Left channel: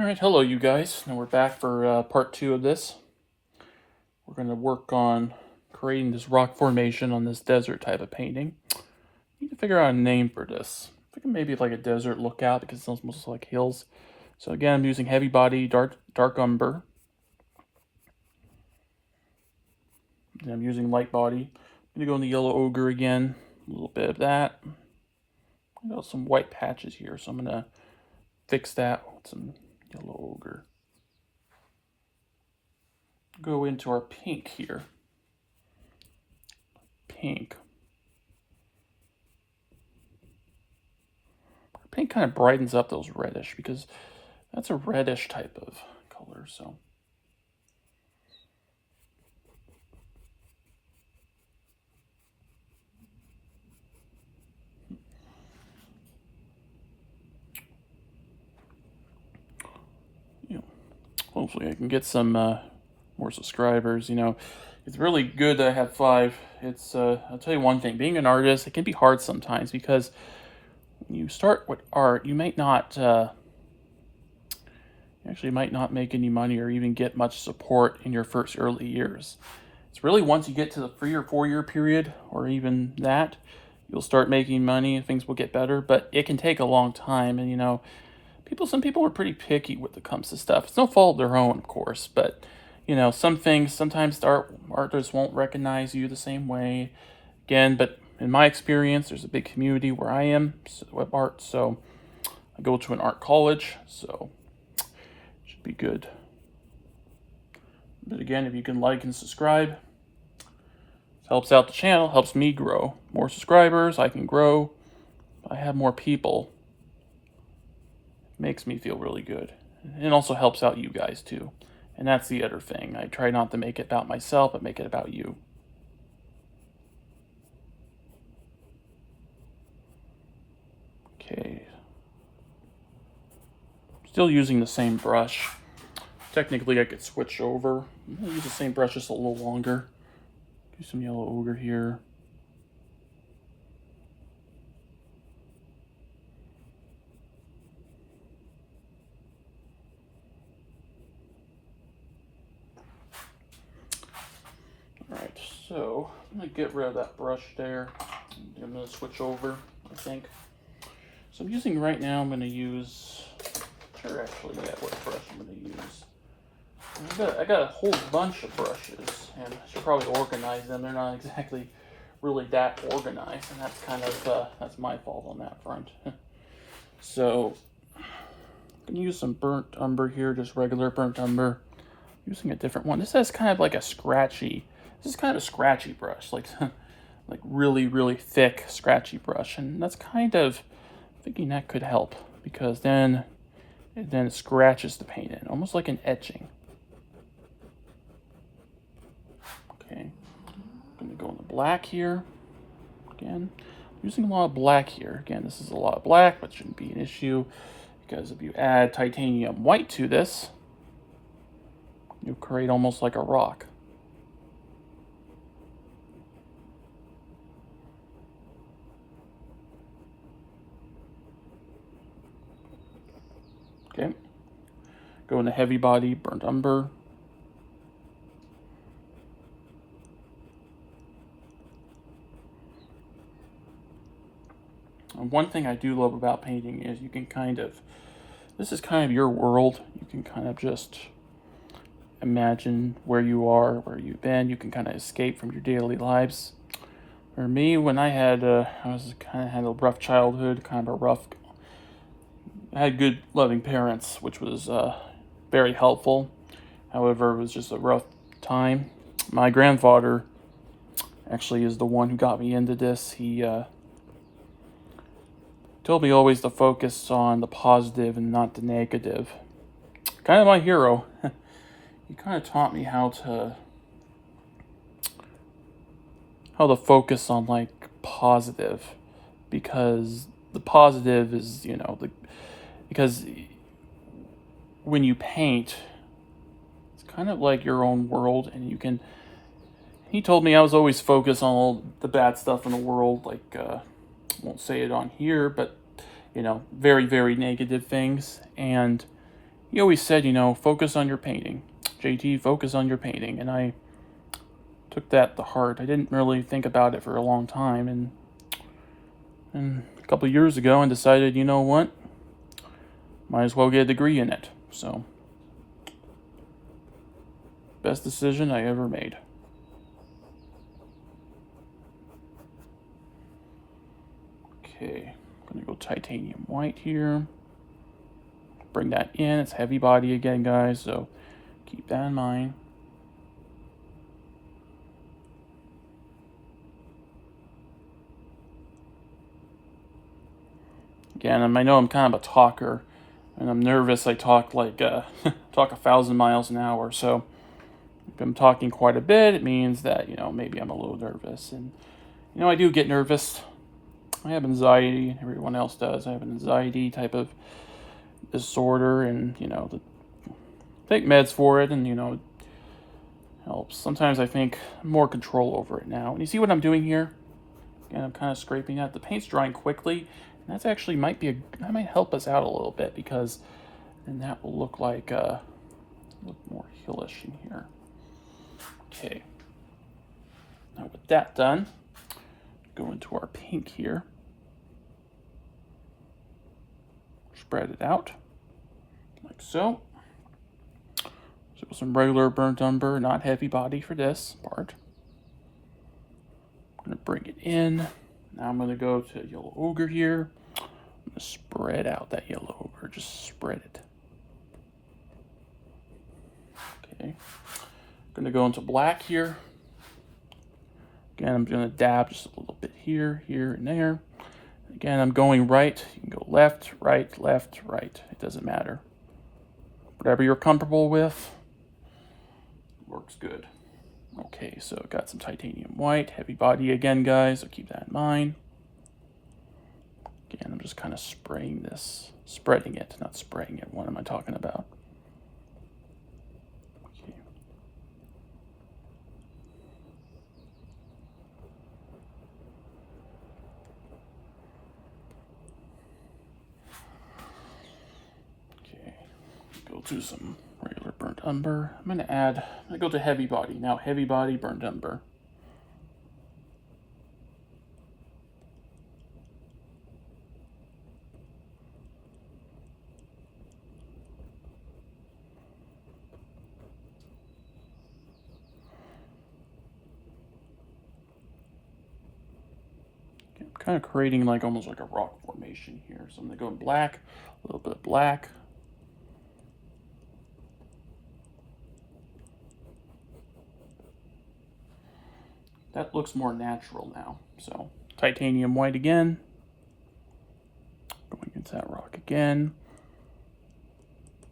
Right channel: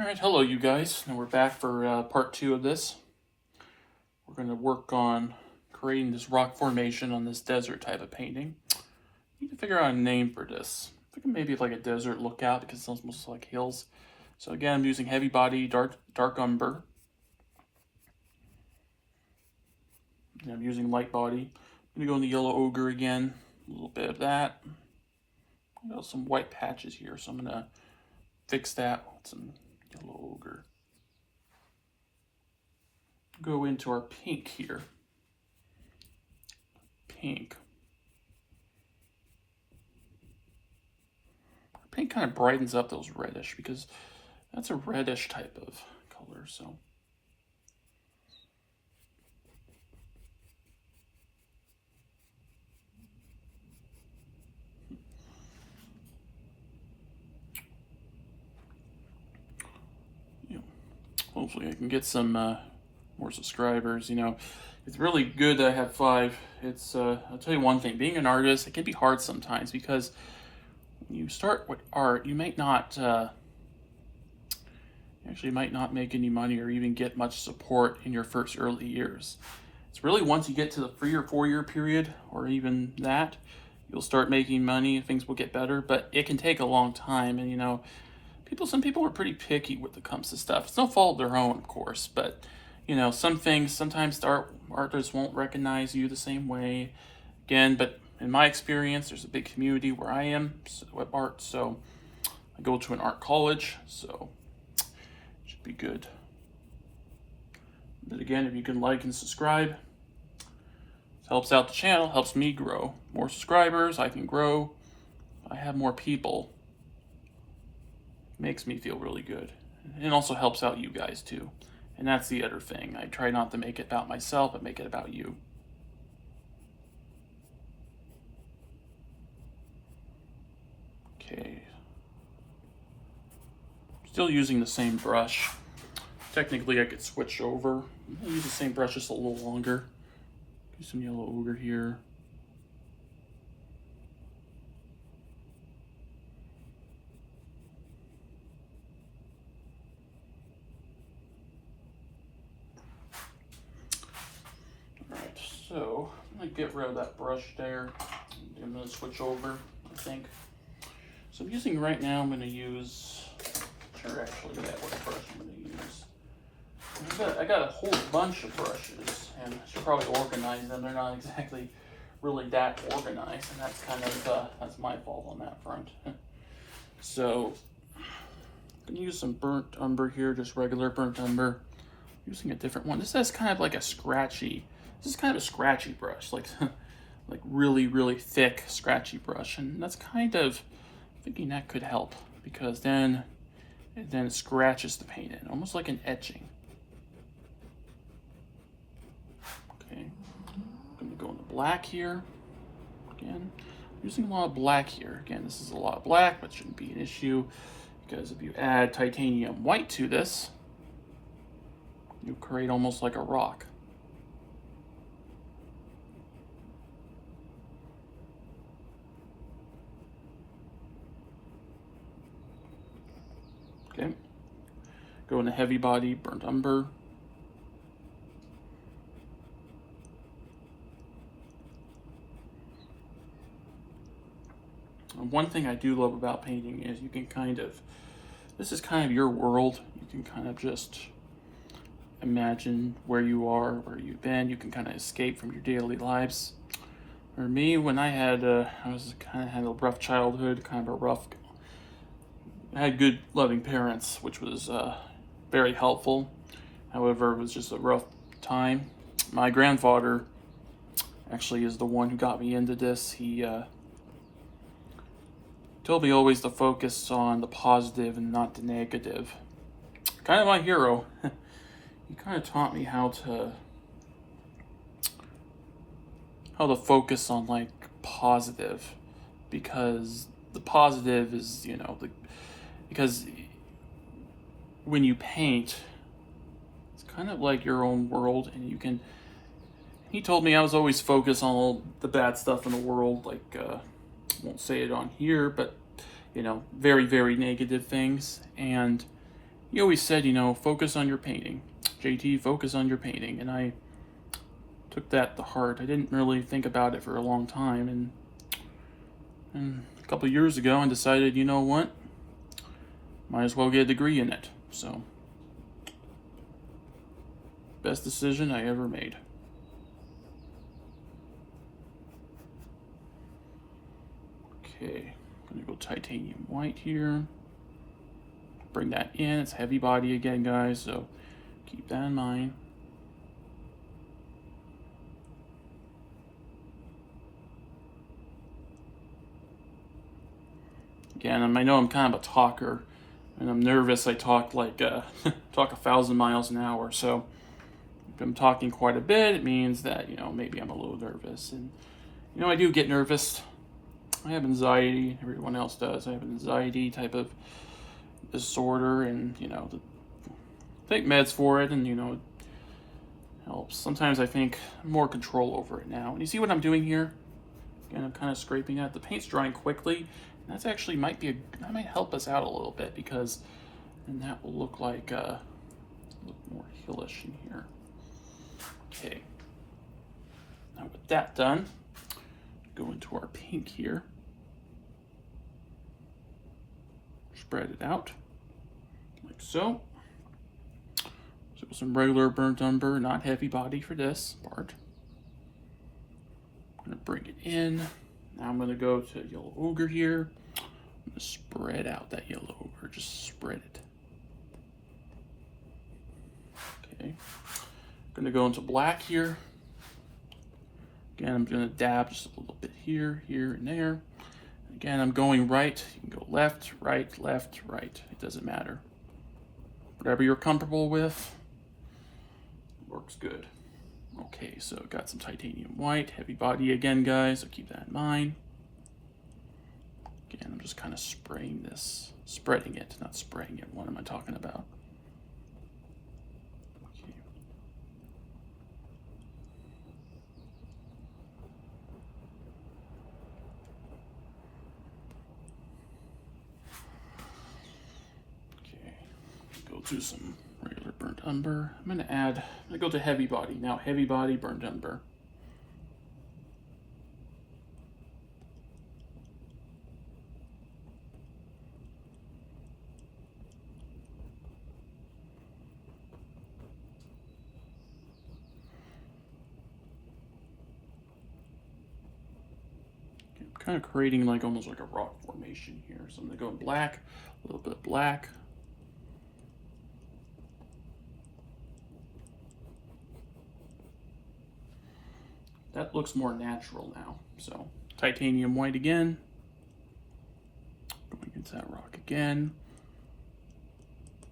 Alright, hello you guys. Now we're back for part 2 of this. We're going to work on creating this rock formation on this desert type of painting. Need to figure out a name for this. I think maybe like a desert lookout because it's almost like hills. So again, I'm using heavy body, dark umber. And I'm using light body. I'm going to go in the yellow ochre again. A little bit of that. I got some white patches here, so I'm going to fix that with some yellow ochre. Go into our pink here. Pink. Pink kind of brightens up those reddish because that's a reddish type of color. So hopefully I can get some more subscribers. It's really good that I have 5. It's I'll tell you one thing, being an artist, it can be hard sometimes because when you start with art, you might not make any money or even get much support in your first early years. It's really once you get to the 3 or 4 year period, or even that, you'll start making money and things will get better. But it can take a long time, and some people are pretty picky when it comes to stuff. It's no fault of their own, of course, but some things sometimes the artists won't recognize you the same way. Again, but in my experience, there's a big community where I am with art, so I go to an art college, so it should be good. But again, if you can like and subscribe, it helps out the channel, helps me grow. More subscribers, I can grow. I have more people. Makes me feel really good. It also helps out you guys too. And that's the other thing. I try not to make it about myself, but make it about you. Okay. Still using the same brush. Technically, I could switch over. I'll use the same brush just a little longer. Do some yellow ochre here. Alright, so I'm going to get rid of that brush there. I'm going to switch over, I think. So I'm using right now, I'm going to use, sure actually, yeah, what brush I'm going to use. I got a whole bunch of brushes, and I should probably organize them. They're not exactly really that organized, and that's kind of, that's my fault on that front. So, I'm going to use some burnt umber here, just regular burnt umber. Using a different one. This has kind of like a scratchy, this is kind of a scratchy brush, like like really, really thick, scratchy brush. And that's kind of, thinking that could help, because then it scratches the paint in, almost like an etching. Okay, I'm going to go into black here. Again, using a lot of black here. Again, this is a lot of black, but shouldn't be an issue, because if you add titanium white to this, you create almost like a rock. Okay, go into heavy body, burnt umber. And one thing I do love about painting is you can this is kind of your world. You can kind of just imagine where you are, where you've been. You can kind of escape from your daily lives. For me, when I had a rough childhood, I had good, loving parents, which was very helpful. However, it was just a rough time. My grandfather actually is the one who got me into this. He told me always to focus on the positive and not the negative. Kind of my hero. He kind of taught me how to focus on like positive, because the positive is, because when you paint, it's kind of like your own world, and he told me I was always focused on all the bad stuff in the world, like I won't say it on here, but very, very negative things. And he always said, you know, focus on your painting. JT, focus on your painting. And I took that to heart. I didn't really think about it for a long time. And a couple of years ago, I decided, you know what? Might as well get a degree in it. So, best decision I ever made. Okay, I'm gonna go titanium white here. Bring that in. It's heavy body again, guys, so keep that in mind. Again, I know I'm kind of a talker, and I'm nervous. I talk like talk 1,000 miles an hour. So if I'm talking quite a bit, it means that, you know, maybe I'm a little nervous. And you know, I do get nervous. I have anxiety. Everyone else does. I have an anxiety type of disorder, and you know, take meds for it, and you know, it helps. Sometimes I think more control over it now. And you see what I'm doing here? Again, I'm kind of scraping out. The paint's drying quickly, and that's actually that might help us out a little bit, because then that will look like look more hillish in here. Okay. Now with that done, go into our pink here. Spread it out like so. So some regular burnt umber, not heavy body for this part. I'm gonna bring it in. Now I'm gonna go to yellow ochre here. I'm gonna spread out that yellow ochre, just spread it. Okay. I'm gonna go into black here. Again, I'm gonna dab just a little bit here, here, and there. Again, I'm going right. You can go left, right, left, right. It doesn't matter. Whatever you're comfortable with, works good. Okay, so got some titanium white, heavy body again, guys, so keep that in mind. Again, I'm just kind of spraying this, spreading it, not spraying it. What am I talking about? Okay. Go to some regular burnt umber. I'm gonna go to heavy body. Now heavy body burnt umber. I'm kind of creating like almost like a rock formation here. So I'm gonna go in black, a little bit of black. That looks more natural now. So titanium white again. Going into that rock again.